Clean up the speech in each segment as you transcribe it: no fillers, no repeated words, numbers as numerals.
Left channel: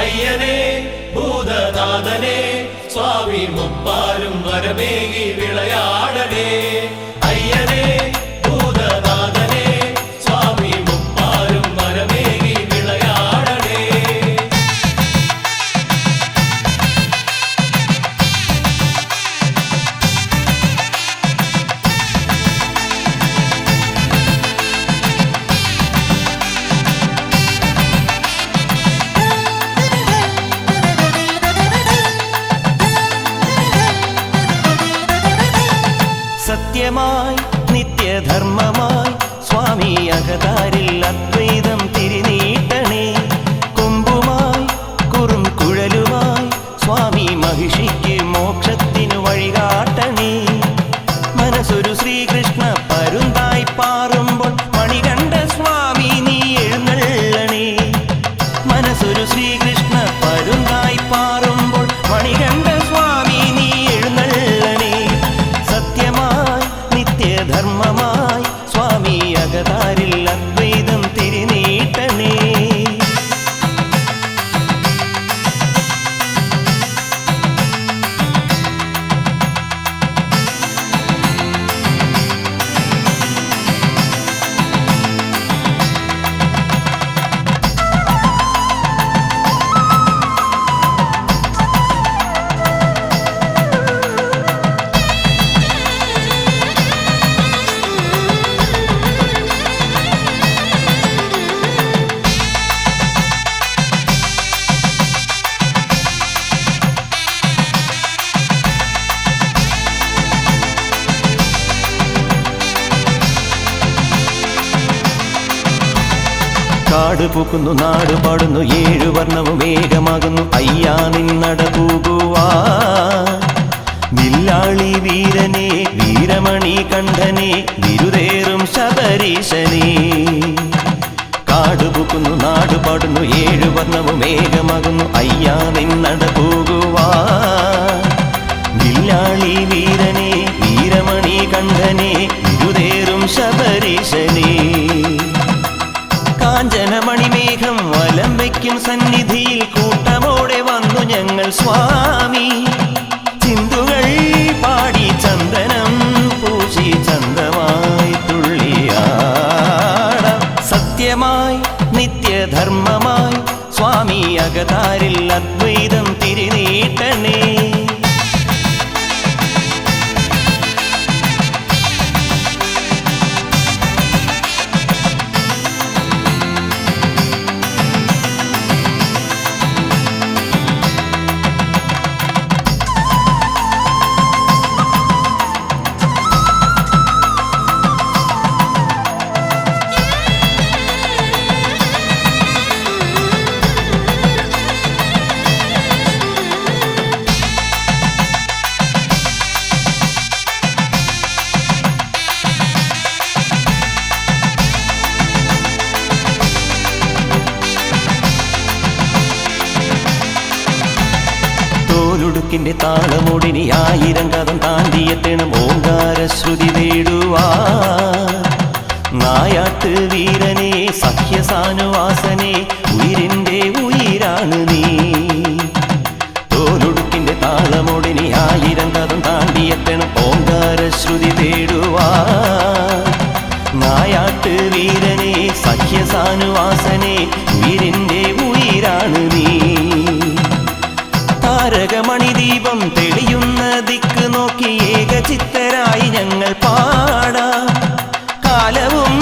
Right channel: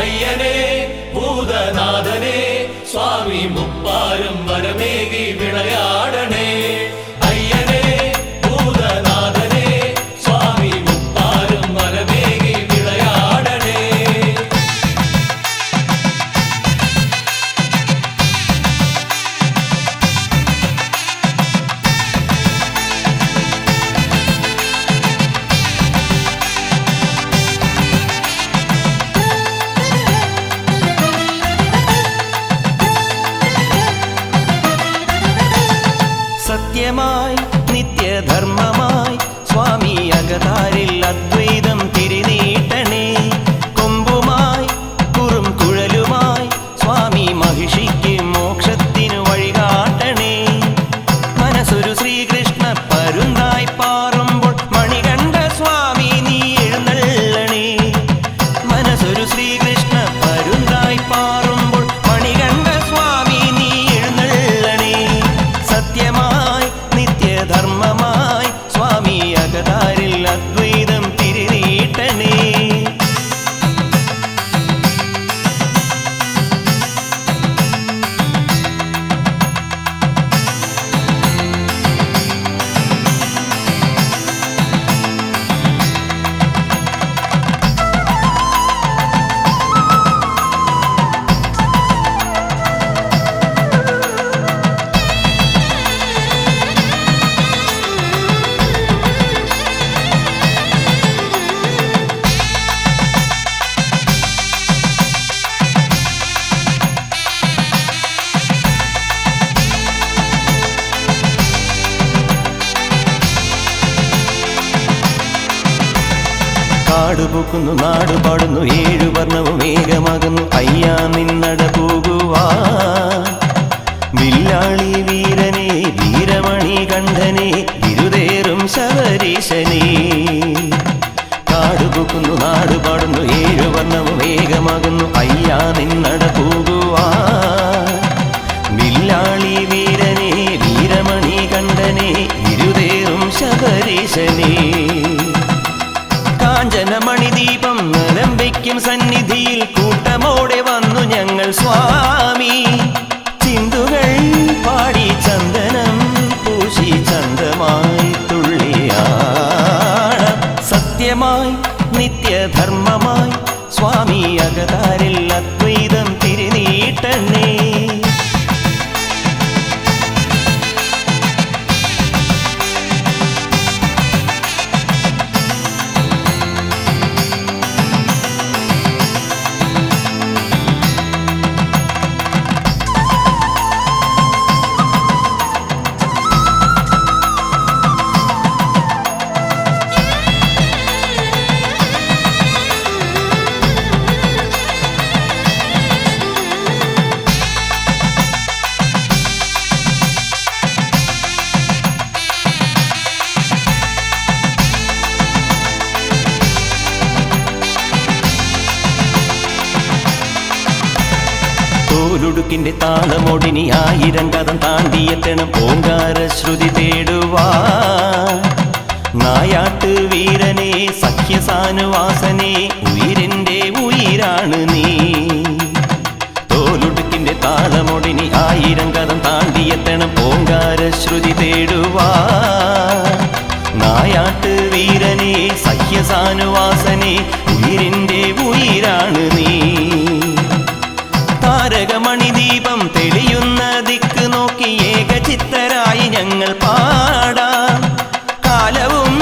അയ്യനേ ഭൂതനാഥനേ സ്വാമി മുപ്പാരും വരമേകി വിളയാടണേ. അയ്യനേ ഭൂതനാഥനേ സ്വാമി മുപ്പാരും വരമേകി വിളയാടണേ. സത്യമായി നിത്യധർമ്മമായി സ്വാമി അകതാരിൽ അദ്വൈതം തിരിനീട്ടണേ. കൊമ്പുമായി കുറും കുഴലുമായി സ്വാമി മഹിഷിക്ക് മോക്ഷത്തിനു വഴികാട്ടണേ. മനസ്സൊരു ശ്രീകൃഷ്ണ പരുന്തായി പാറുമ്പോൾ മണികണ്ഠ സ്വാമി നീ എഴുന്നള്ളണേ. മനസ്സൊരു ശ്രീകൃഷ്ണ പരുന്തായി പാറുമ്പോൾ മണികണ്ഠ സ്വാമി നീ എഴുന്നള്ളണേ. സത്യമായി നിത്യധർമ്മമായി സ്വാമി അകതാരിൽ അദ്വൈതം തിരിനീട്ടണേ. കാട് പൂക്കുന്നു നാട് പാടുന്നു ഏഴു വർണ്ണവും വേഗമാകുന്നു അയ്യാ നിന്നട പോകുവാ. വില്ലാളി വീരനെ വീരമണി കണ്ഠനെ വിരുദേറും ശബരീശനെ. കാട് പൂക്കുന്നു നാട് പാടുന്നു ഏഴു വർണ്ണവും വേഗമാകുന്നു അയ്യാ നിന്നട പോകുവാ. വില്ലാളി വീരനെ വീരമണി കണ്ഠനെ വിരുദേറും ശബരീശനെ. കാഞ്ചനമണിദീപം വലംബയ്ക്കും സന്നിധിയിൽ കൂട്ടമോടെ വന്നു ഞങ്ങൾ സ്വാമി. ചിന്തുകൾ പാടി ചന്ദനം പൂശി ചന്തമായി തുള്ളിയാട. സത്യമായി നിത്യധർമ്മമായി സ്വാമി അകതാരിൽ അദ്വൈതം തിരിനീട്ടണേ. തോലുടുക്കിന്റെ താളമൊടിനി ആയിരം കഥം താണ്ടിയെത്തണം ഓങ്കാരശ്രുതി തേടുവാ. നായാട്ട് വീരനെ സഖ്യസാനുവാസനെ വീരന്റെ ഉയിരാണ് നീ. തോലുടുക്കിന്റെ താളമൊടിനി ആയിരം കഥം താണ്ടിയെത്തണം ഓങ്കാരശ്രുതി തേടുവാ. നായാട്ട് വീരനെ സഖ്യസാനുവാസനെ വീരന്റെ ഉയിരാണ് നീ. താരകമണിദീപം തെളിയുന്ന ദിക്ക് നോക്കി ഏകചിത്തരായി ഞങ്ങൾ പാടാം. കാലവും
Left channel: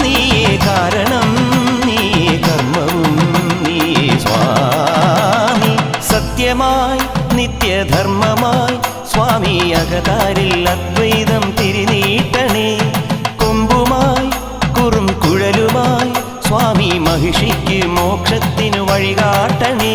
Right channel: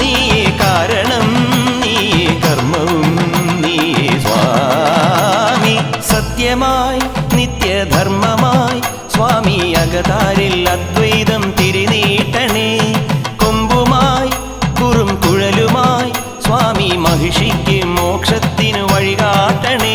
നീയേ കാരണം നീയേ കർമ്മവും നീയേ സ്വാമി. സത്യമായി നിത്യധർമ്മമായി സ്വാമി അകതാരിൽ അദ്വൈതം തിരിനീട്ടണേ. കൊമ്പുമായി കുറും കുഴലുമായി സ്വാമി മഹിഷിക്ക് മോക്ഷത്തിനു വഴികാട്ടണേ.